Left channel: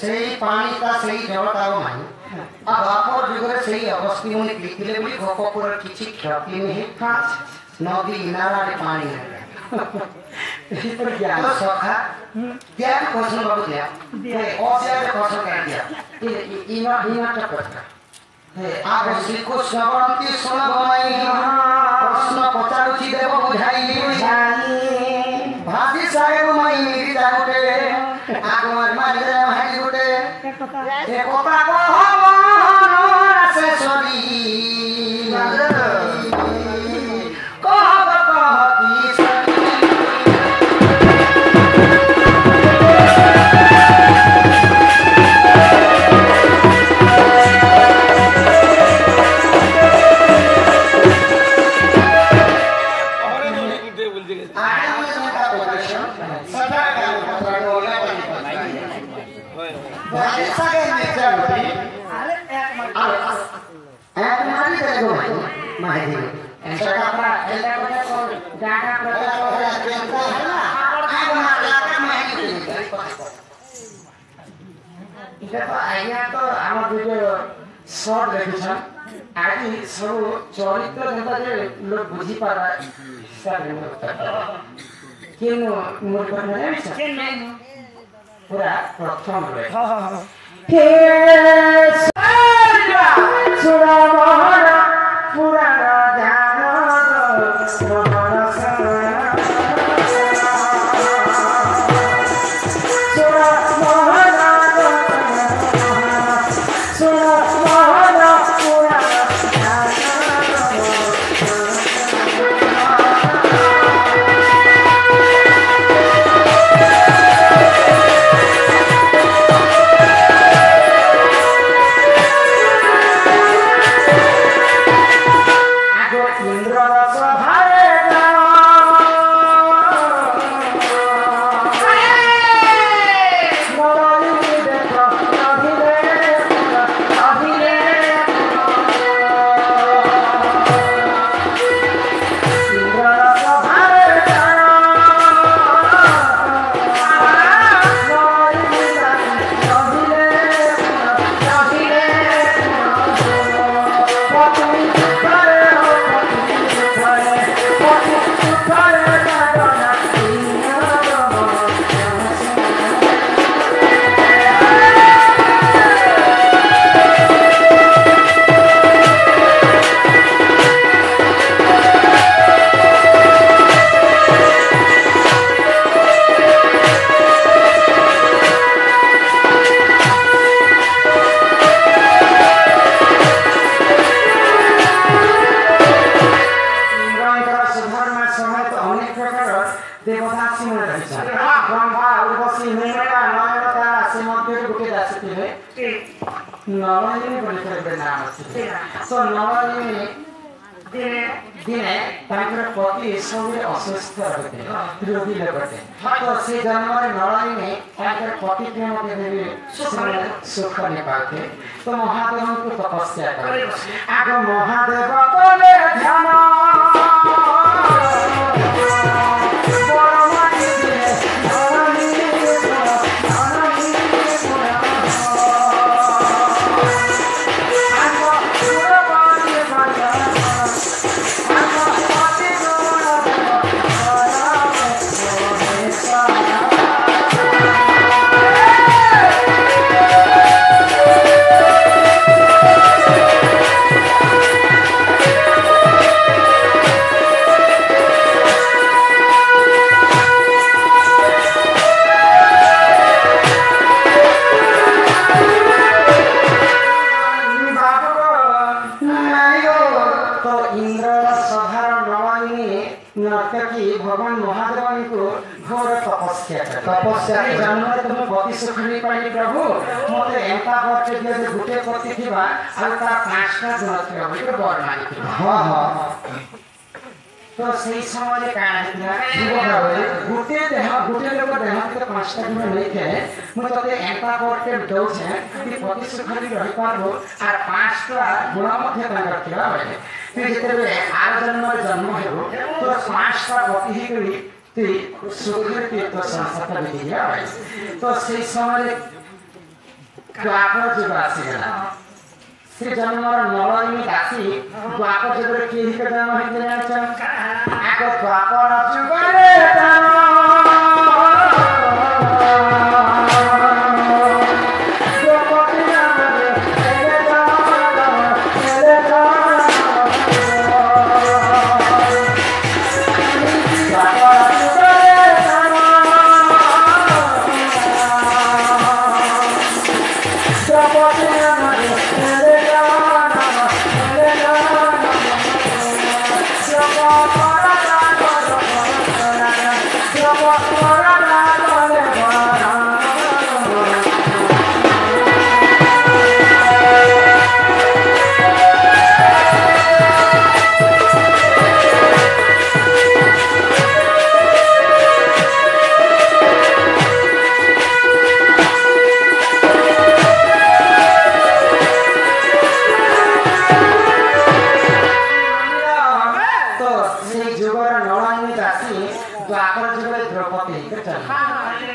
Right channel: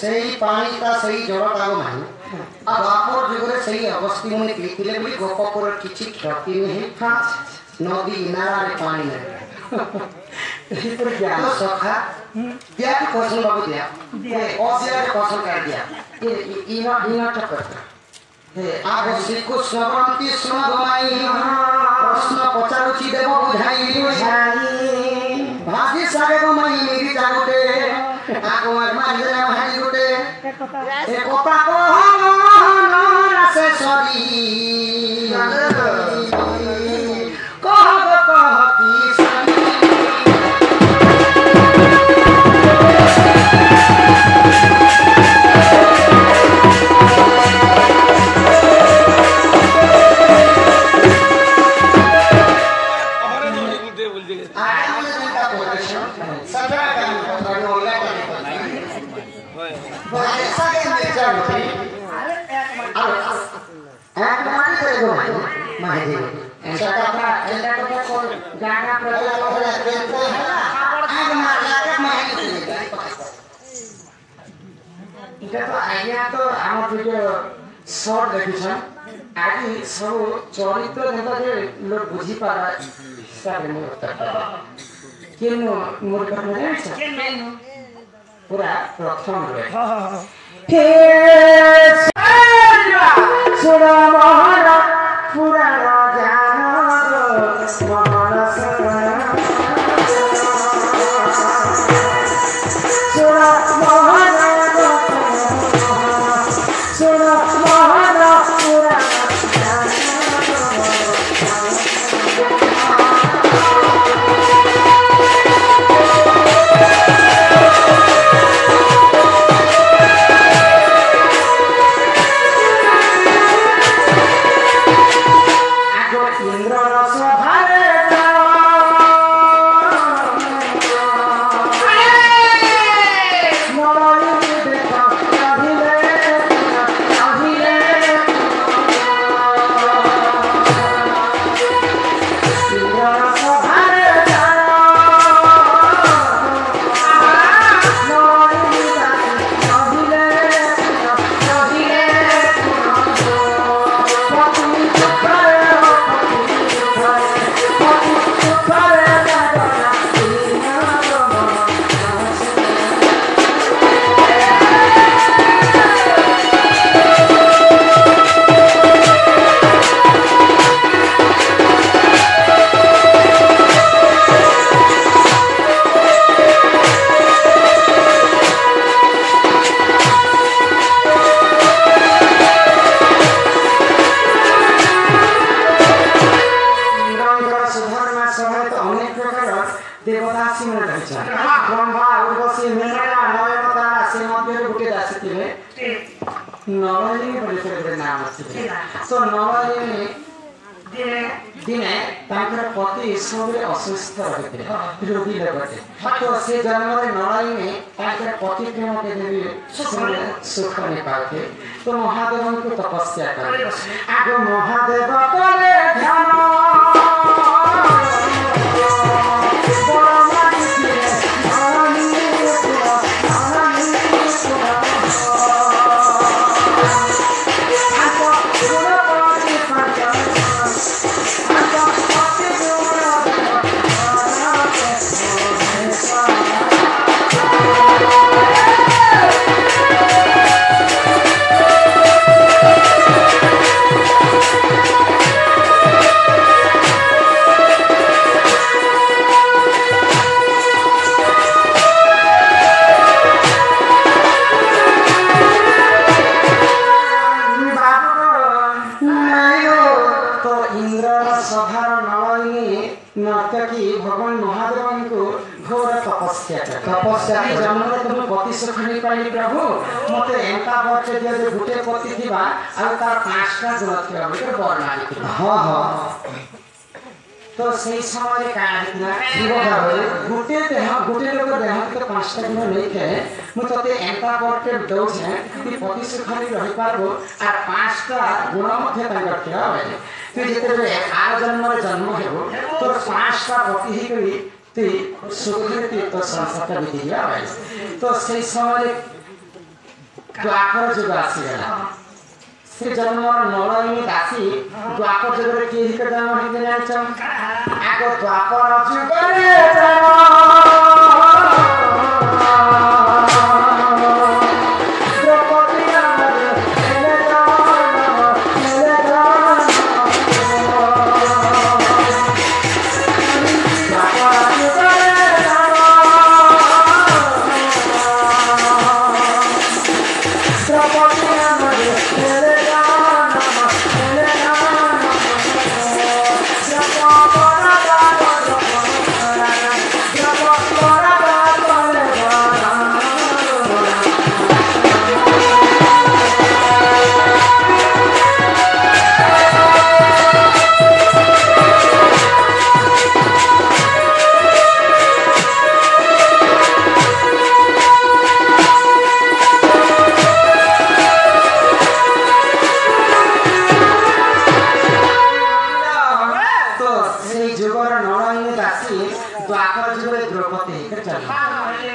सही पानी का सही जलता नहीं अब आप जुगे सही अवस्थी मुनि पीले भी गोपपुर किछि क्षति नहीं हां नदी नाला रे पानी है तो क्या सखा क्या की क्वेश्चन बाबू दिया और क्या क्वेश्चन कर दिया ये इना चक्कर आप श्री कृष्ण बंती सुन गमाई प्रश्न पचारुछि देव बुझाई भाभी सागे गमाई मेरी जागते आप मारे हाई गुटे एक कपड़ा को से सभी कह की सभी तो आम वीडियो शॉर्ट देखुछन आदि सब चरित्र जता जे लोग बुझी पारा हिसाब नहीं केन मूर्ख नहीं छै पूरा प्रथम रे फिर सुरा मोहरा पूरा दिने पति सब असुस्थ रहते रोगी लगते तो से जन्म नड़ी में पति सुख नहीं पाते तो महादेव को तपस्या करे आग महादेव करे ध्यान तपस्या जन्म तुम पति सुख नहीं पाइली प्रभु मते एंका बच्चे जे गुटे पति थिबा आ ता पांचटा गुण थिबा बिकर वर्णन थिबा हां हां तो सही समय कान थिला जीव गुटे लोग देह के पांचटा गुण लेके मु तते एंका बच्चे दउ छे कि पति सुख नहीं रहि पाबो आ पांचटा गुण मध्ये तांकर थिबा ते जेते आर जन्म हेबो तो पांचटा पति ही करी सुखी तो संसार बीती जाए तो से समय द्वापर जुग आसीगला से जन्म नलनी दासी द्वापर जुग रे के हिक जन्म हे जानिछ आको द्वापर जुग रे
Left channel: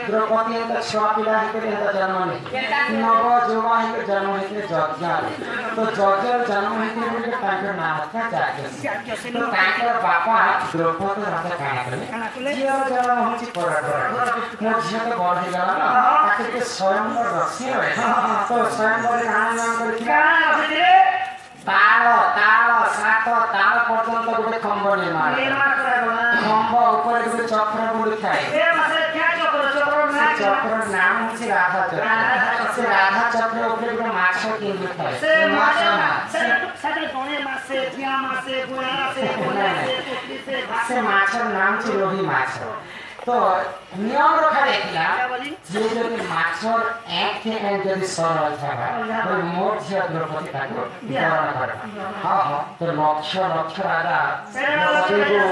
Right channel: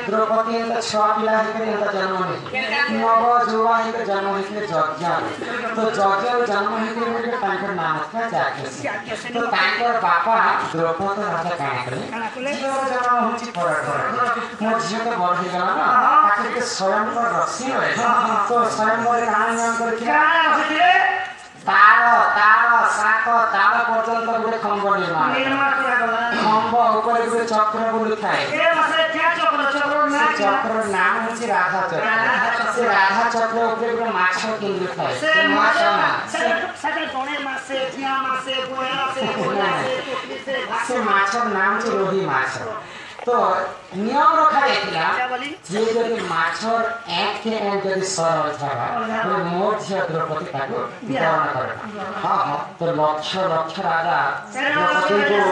द्रौपदी छह पिला जन्म नव जुवा जन्म जज्ञा तो जज्ञ जन्म नाम था तो बापा द्रौपदी राजा जन्म मो झी तो बड़ हो गला स्वयंवर रक्षी तो स्वयंवर ताल ताल सात ताल पर्यंत गोटे खम्ब निर्माण खम्ब ऊपर गोटे चक्र बुड़ी थाए चक्र नाम हूँ राधा चक्र से राधा चक्र ऊपर गोटे माछ केन्द्र थाए से माछ नाम छे रोही माछ तो नियम रखा जाइतिला जे जदि माछर एक के एक जदि सरल थाबा तो मोर झिया द्रौपदी ताको वितरण करबा हां तो लक्ष्य लक्ष्य राजा द्रौपदी को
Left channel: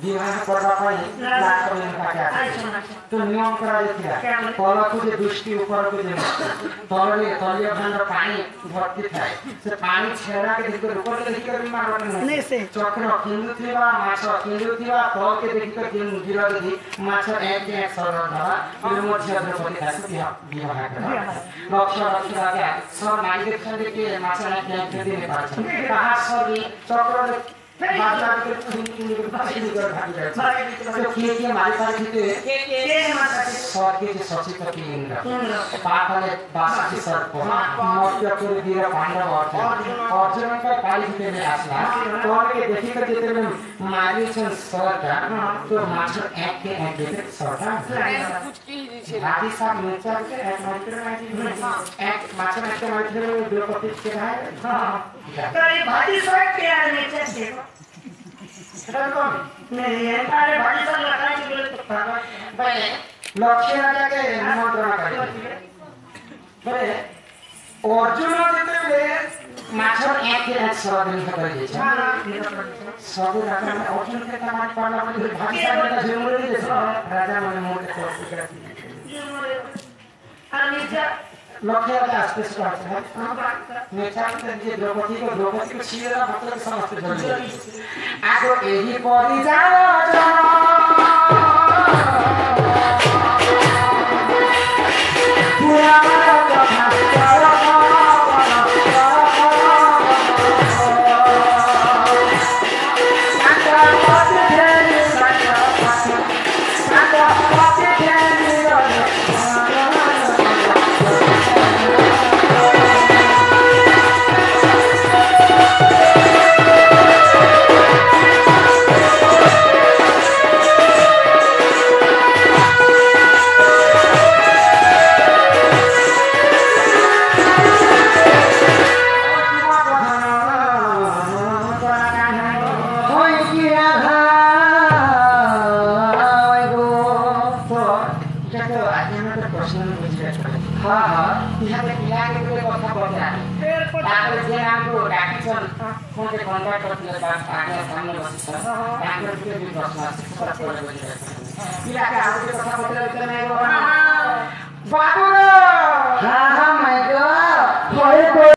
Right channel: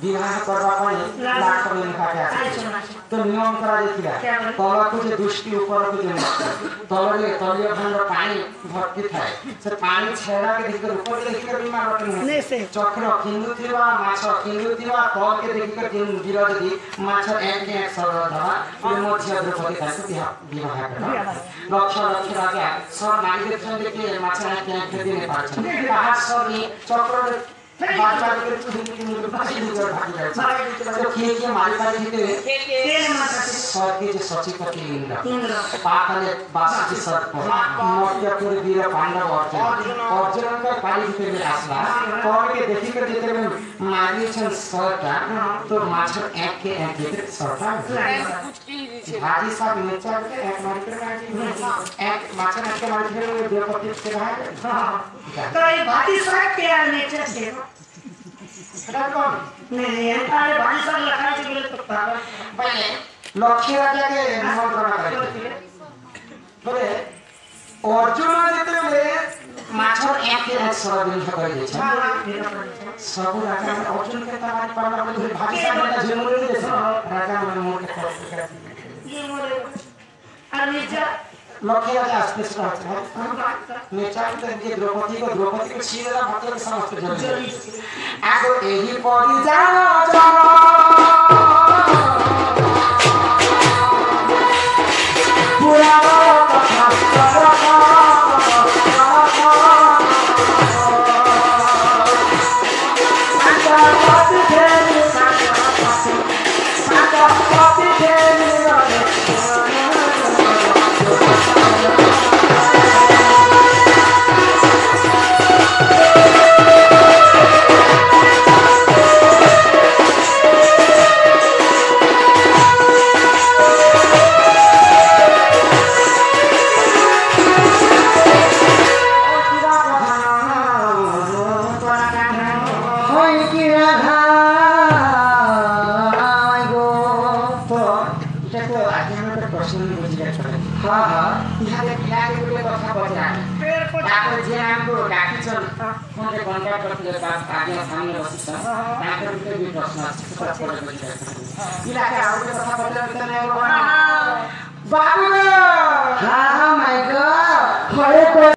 विवाह करबा पई लाख में लिखा तो नियम करा जाइतिला तल को जे दुष्टि ऊपर को जे तलरे तलिया खंड पानी भर्ती थाए से पानी छेड़ा के देखकर ऊपर के देखकर बीमार रखने से चक्र किंदु थिबा माछ किंदु थिबा तल के देखकर किंदु गिरा दि माछ एक एक सरल धरा ये मध्य द्रौपदी ताको विवाह करबा लक्ष्य लक्ष्य राजा सब नारी देखन के माछ एक एक दिन पाछ कहा सब चक्र बात के तो के मारी पारी के स्वर्ग के सचित के इंद्र पाताले बासी सर्प मर्त्य करे वीर पांडव अर्जुन का पाली के आसला कौन के देखि के जेते में मारी छन सरटा तो माछ एक के एक सरटा कुछ की भाजी साहब नीचे के एक मात्र एक माछ के मारी के द्रौपदी के रहा तो ये भाजी साहब के नीचे से नहीं तारे भाई सब लखा के बोले तो पहले लक्ष्य राजा के निमंत्रण करे बोले अर्जुन जितने माछर एक एक सर दिन कर दे सब राजा अर्जुन के तमारी पाला में भाई सब का झुमरे दे राजा मन मोड़ के ये मोरे अनिजा लक्ष्य राजा आस्ते से नीचा के द्रौपदी को छीरा मतलब समझते जल्दी आगो एही पड़ी बाबू हाँ हाँ मैं